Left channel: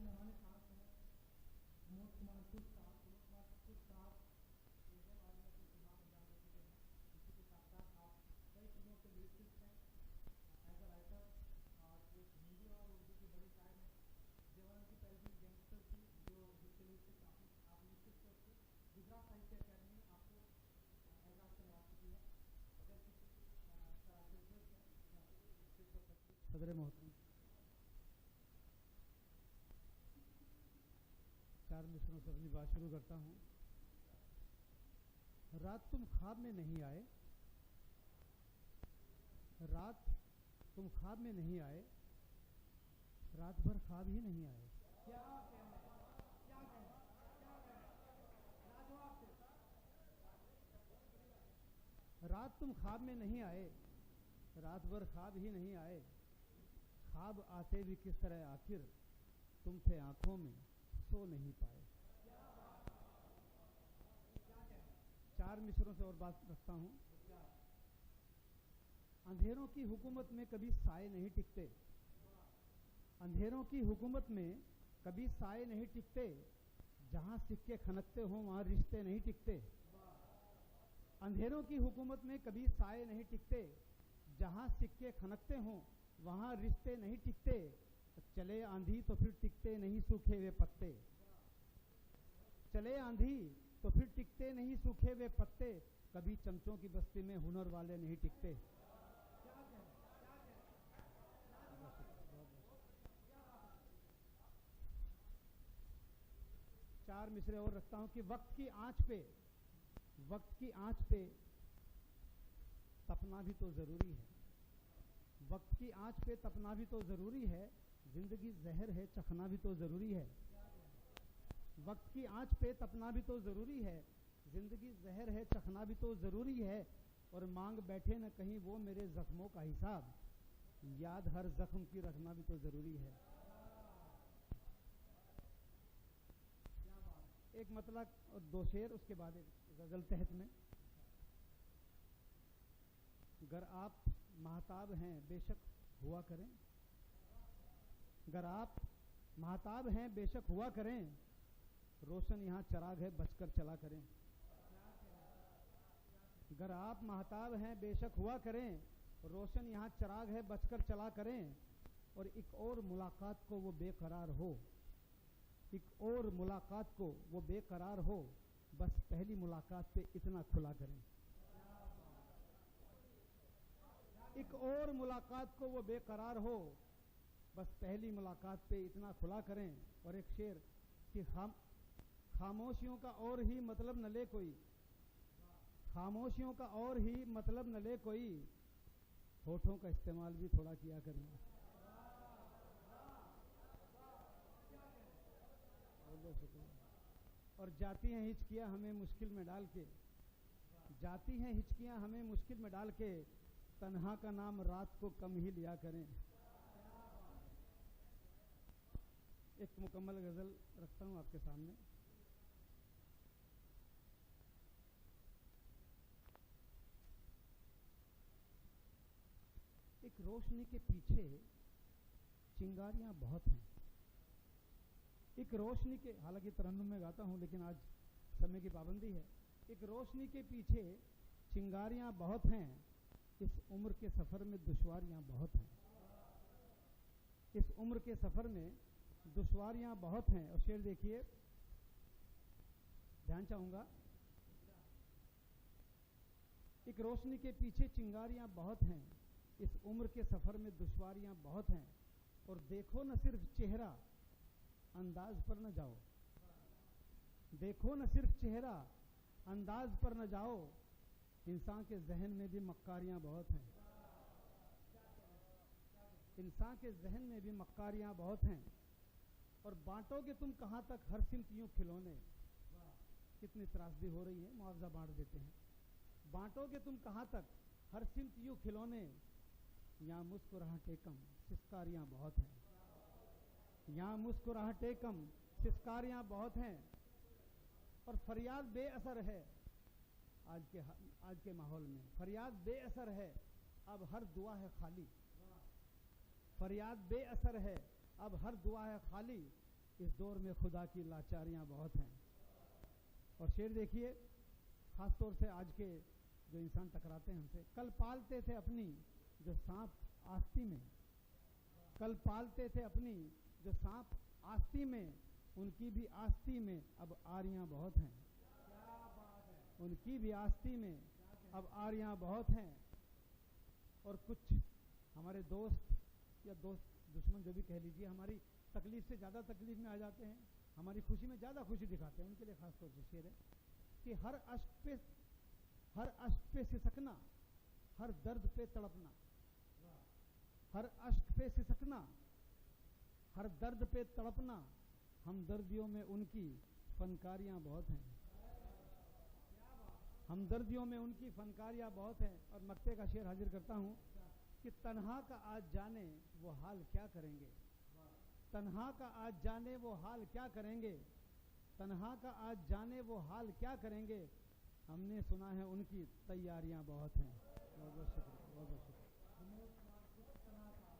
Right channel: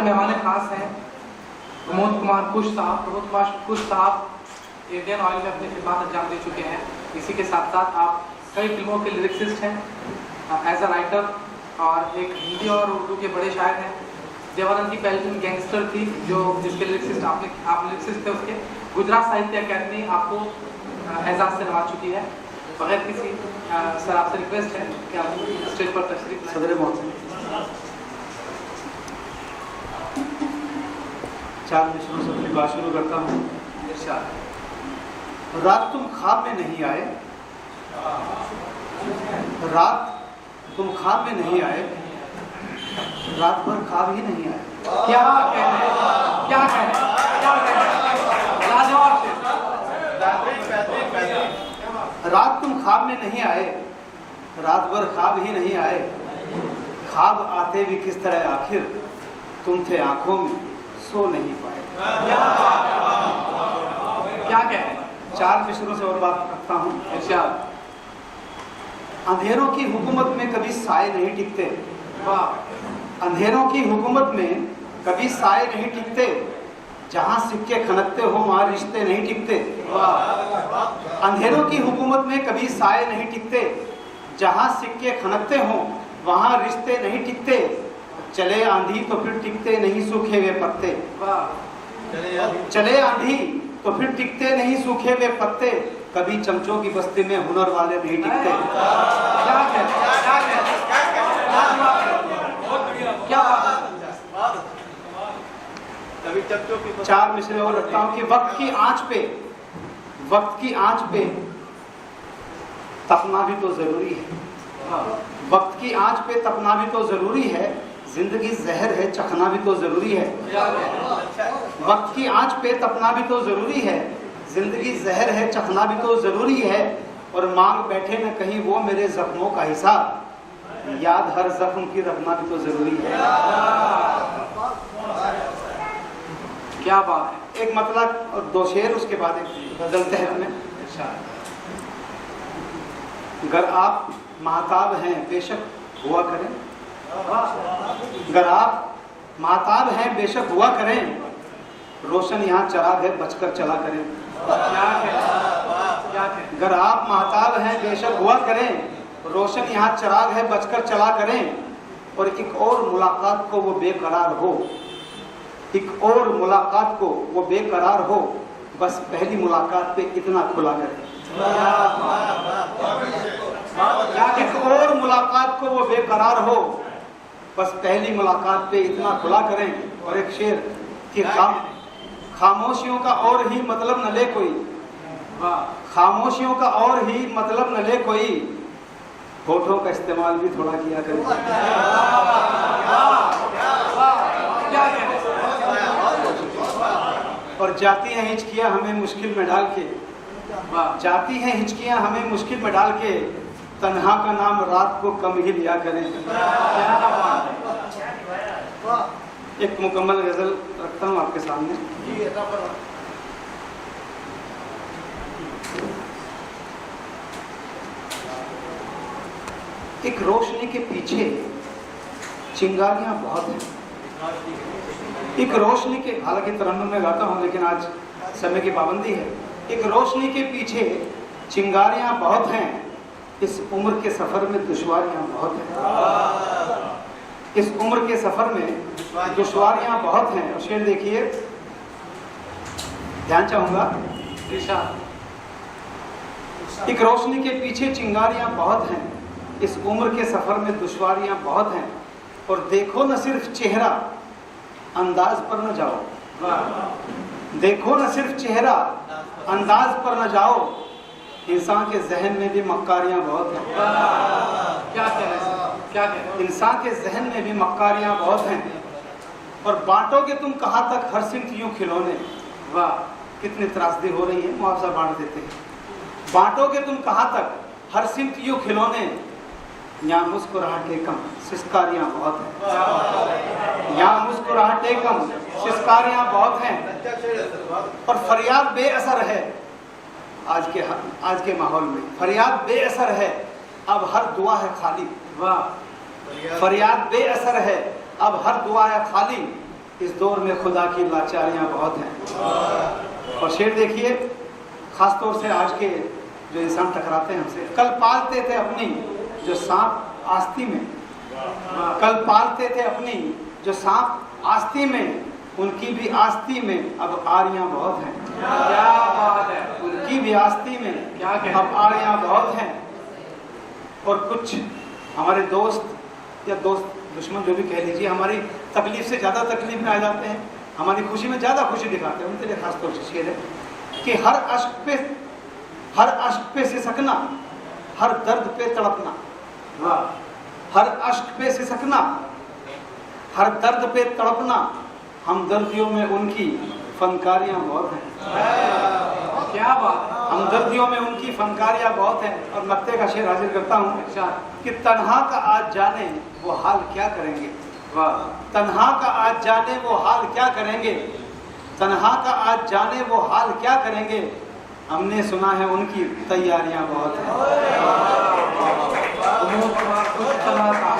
हमारे मेहमान खास हैं प्रमोद कुमार कुश साहब। प्रमोद कुमार कुश साहब इंडियन ऑयल में अपनी खिदमत अंजाम दे चुके हैं। इसी के साथ साथ आप कई फिल्मों के लिरिक्सिस्ट हैं एज अ राइटर, और एक हिंदी और उर्दू के बड़े शायर हैं। देवानंद की पहली फिल्म गैंगस्टर थी, जो जिसके लिरिक्सिस्ट आप लिरिक्सिस्ट थे। उसके गुजरात साहित्य अकेडमी आपको एजाज से नवाज चुकी है। बगैर किसी सर आपसे रिक्वेस्ट है कि आप स्टेज पर तशरीफ सदर मोहसिन 4 मिसरों से अपनी बात शुरू करता हूँ। रात तुम ख्वाब में नहीं आए, रात तुम ख्वाब में नहीं आए, रात भर ख्वाब ही नहीं आए। क्या कहने, क्या कहने, क्या कहने, लाजवाब थे। रात तुम ख्वाब में नहीं आए, रात भर ख्वाब ही नहीं आए, ख्वाब आते भी किस तरह आखिर, तुम थे आंखों में सो नहीं पाए। क्या कहने। 4 मिसरों से और बात करता हूँ। इरशाद। अंधेरों की हुकूमत में कभी साए नहीं टिकते, वाह। अंधेरों की हुकूमत में कभी साए नहीं टिकते, जहां सिक्के खनकते हो वहां रिश्ते नहीं टिकते। अंधेरों की हुकूमत में कभी साए नहीं टिकते, जहां सिक्के खनकते हो वहां रिश्ते नहीं टिकते। चले आंधी तो फिर टिकते नहीं सूखे हुए पत्ते, चले आंधी तो फिर टिकते नहीं सूखे हुए पत्ते। कभी चमचों की बस्ती में हुनर वाले नहीं टिकते। क्या कहने, क्या कहने, क्या बात। कभी चमचों की 4 मिसरे और रखता हूँ कि वक्त की आंच पे, वक्त की आंच पे तपना भी तो जरूरी है, वक्त की आंच पे तपना भी तो जरूरी है, जिंदगी जहर है चखना भी तो जरूरी है। वक्त की आंच पे तपना भी तो जरूरी है, जिंदगी जहर है चखना भी तो जरूरी है। और मांग बैठे न कहीं वो मेरे जख्मों का हिसाब, याद हर जख्म की रखना भी तो जरूरी है। क्या बात है। एक मतलब और 2 शेर, उसके बाद एक गजल तहत में। अगर आप महताब हैं बेशक हुआ करें, अगर आप महताब हैं बेशक हुआ करें, रोशन यहाँ चराग है बचकर चला करें। अगर आप महताब हैं बेशक हुआ करें, रोशन यहाँ चराग है बचकर चला करें। और एक और मुलाकात को वो बेकरार हो, एक और मुलाकात को वो बेकरार हो, बस पहली मुलाकात पे इतना खुला करें। एक और मुलाकात को वो बेकरार हो, बस पहली मुलाकात पे इतना खुला करें। और एक शेर कि खामोशियों का और ही मतलब न ले कोई, खामोशियों का और ही मतलब न ले कोई, होठों का इस्तेमाल भी थोड़ा किया करें। और जाती हैं हिचकियां हमें मुश्किल में डाल के, जाती हैं हिचकियां हमें मुश्किल में डाल के, तन्हा का नाम रात को कम ही लिया करें। एक मुकम्मल गजल रखता हूँ आपके सामने। एक रोशनी के पीछे चिंगारियां बहुत हैं, एक रोशनी के, हालांकि तरन्नुम में गाता हूँ लेकिन आज समय की पाबंदी है। एक रोशनी के पीछे चिंगारियां बहुत हैं, इस उम्र के सफर में दुश्वारियां बहुत हैं, इस उम्र के सफर में दुश्वारियां बहुत हैं। और शेर देखिए, ध्यान चाहूंगा। एक रोशनी के पीछे चिंगारियां बहुत हैं, इस उम्र के सफर में दुश्वारियां बहुत हैं। और देखो न सिर्फ चेहरा, अंदाज पर न जाओ, देखो न सिर्फ चेहरा, अंदाज पर न जाओ, इंसान के जहन में भी मक्कारियां बहुत हैं। क्या कह रहे हैं, क्या कह रहे हैं। इंसान के जहन में भी मक्कारियां बहुत हैं। और बांटोगे तुम कहाँ तक हर सिमत यूं खिलौने, वाह कितनी त्रासदी हो रही है, मुआवजा बांट देते हैं। बांटोगे तुम कहाँ तक हर सिमत यूं खिलौने, यहाँ मुस्कुराहटे कम सिस्कारियां बहुत हैं, यहाँ मुस्कुराहटे कम सिस्कारियां बहुत हैं। और फरियाद बेअसर है, आज के माहौल में फरियाद बेअसर है, अब हर दुआ है खाली। वाह, फरियाद बेअसर है, अब हर दुआ है खाली। इस दौर में खुदा की लाचारियां बहुत हैं। और शेर देखिए, खास तौर से आज के जो इंसान टकराते हैं हमसे। कल पालते थे अपनी जो सांप आस्ती में, कल पालते थे अपनी जो सांप आस्ती में, उनकी भी आस्ती में अब आरियां बहुत हैं। क्या बात है, उनकी भी आस्ती में क्या कहते अब आरियां बहुत हैं। और कुछ हमारे दोस्त या दोस्त दुश्मन जो भी कह लीजिए, हमारी तकलीफ से ज़्यादा तकलीफ में आ जाते हैं, हमारी खुशी में ज़्यादा खुशी दिखाते हैं। उनके लिए खास तौर से शेर है कि हर अश्क पे सिसकना, हर दर्द पे तड़पना। हर अश्क पे सिसकना, हर दर्द पे तड़पना, हम दर्दियों में उनकी फनकारियां बहुत हैं। क्या बात है, हमदर्दियों में उनकी फनकारियां बहुत हैं। और नक्ते का शेर हाजिर करता हूँ कि तन्हा का आज जाने वो हाल क्या करेंगे। तन्हा का आज जाने वो हाल क्या करेंगे, तन्हा का आज जाने वो हाल क्या करेंगे, हमने सुना है उनकी तैयारियां बहुत हैं। प्रमोद कुमार कुछ चला था।